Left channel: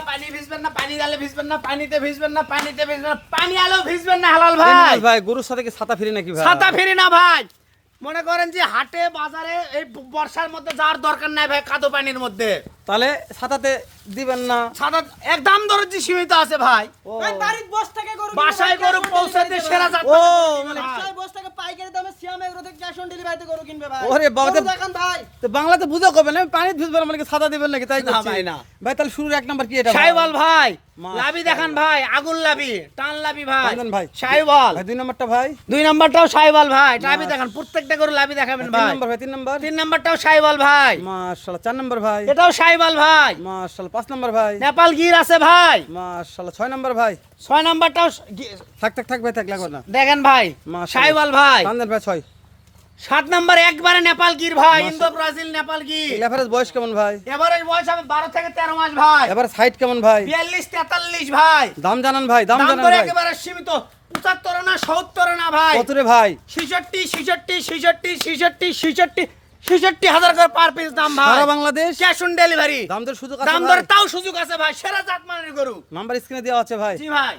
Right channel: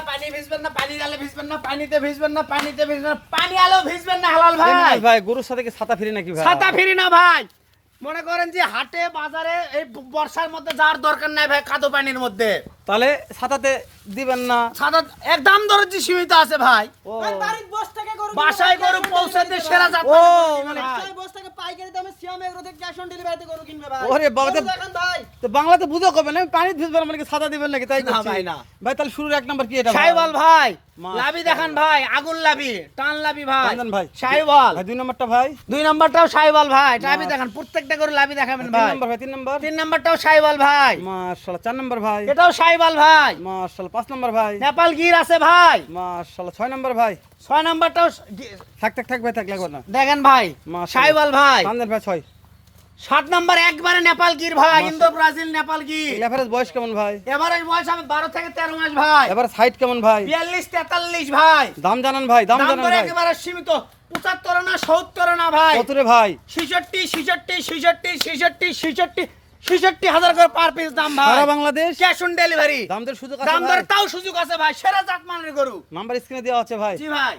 না, পানি ভিজবেন না, পানি আলো ভিজবেন না, পানিতে ভিজবেন না, পানিতে ভিজবেন না, পানি আলো ভিজবেন না হালাল ভাই। ভাই গরুর সাথে কি ছাতা ফিরি নাকি ভাই? ছাতা ফিরি না ভাই। মনে করেন যে হাটে বাজারে এই বর্ষার মধ্যে যাওয়ার দরকার নাই ভাই, কাদো পানির মধ্যে। তাহলে ছাতাতে দিবেন না? ছাতা একদম দরজি সীমিত আছে ভাই। ও ভাই বাড়ির বস থেকে গরু বাসায় গরু পৌঁছাতে সেরা ও, যাত্রা মানে বাসায় বস থেকে পাইকারি দামে সিয়াম এগ্রো থেকে ক্যাশ অন ডেলিভারিতে গরু কিনবে ভাই। ওরে বাবা, গরু দেখান ভাই। তো বাংলাতে বুঝো কবে না পানি ভিজবেন মানে কি ছাতা দিবেন নাকি? তাই না করছি ভাই, না। ভাই। তাহলে শুরুর এক নাম্বার কি এটা ভাই? শাইওয়াল ভাই, মাশাআল্লাহ। লাভি দেখান ভাই, আগুন লাভি, টান লাভি ভাই। টান দেন ভাই। শাইওয়াল। ভাই দুই নাম্বারটা ভাই। দুই নাম্বারটাও শাইওয়াল ভাই, লাভি দেখান, প্রত্যেকটা গরু লাভি দেখাবেন তিন ভাই। নাম্বার ভাই, তিন নাম্বার। তিন নাম্বারটাও শাইওয়াল ভাই, মাশাআল্লাহ। চার নাম্বার ভাই। এটাও শাইওয়াল ভাই। মাশাআল্লাহ। পাঁচ নাম্বার ভাই। নেপাল গির আছে ভাই। মাশাআল্লাহ। ছয় নাম্বার ভাই। ছয় নাম্বারটাও থাক ভাই, থাক লাগবে না। দেখেন ভাই, মাশাআল্লাহ। শাইওয়াল ভাই। টান দেন ভাই। ছয়। সাত নাম্বার একবারে নেপাল গির ভাই, Indo Brazil Nepal Gir. Average বয়স কেমন ভাই? এভারেজ বয়স আমার 12 থেকে 13 মাস ভাই। এভারেজ হাইট কেমন ভাই? 42 43 ভাই। দাম জানান ভাই, দাম দাম জানান দর ভাই। একেবারে সীমিত, 75 না 70 না ভাই, কত রে ভাই? 66,000 করে পার পিস দাম ভাই। সারা বাংলাদেশ ক্যাশ অন ডেলিভারি। দাম দর সুযোগ আছে দাম ভাই। দরে তাও সুযোগ আছে ভাই, সেরা জাত মানের গরু। নাম্বার স্ক্রিনে দেওয়া আছে ভাই। জি ভাই।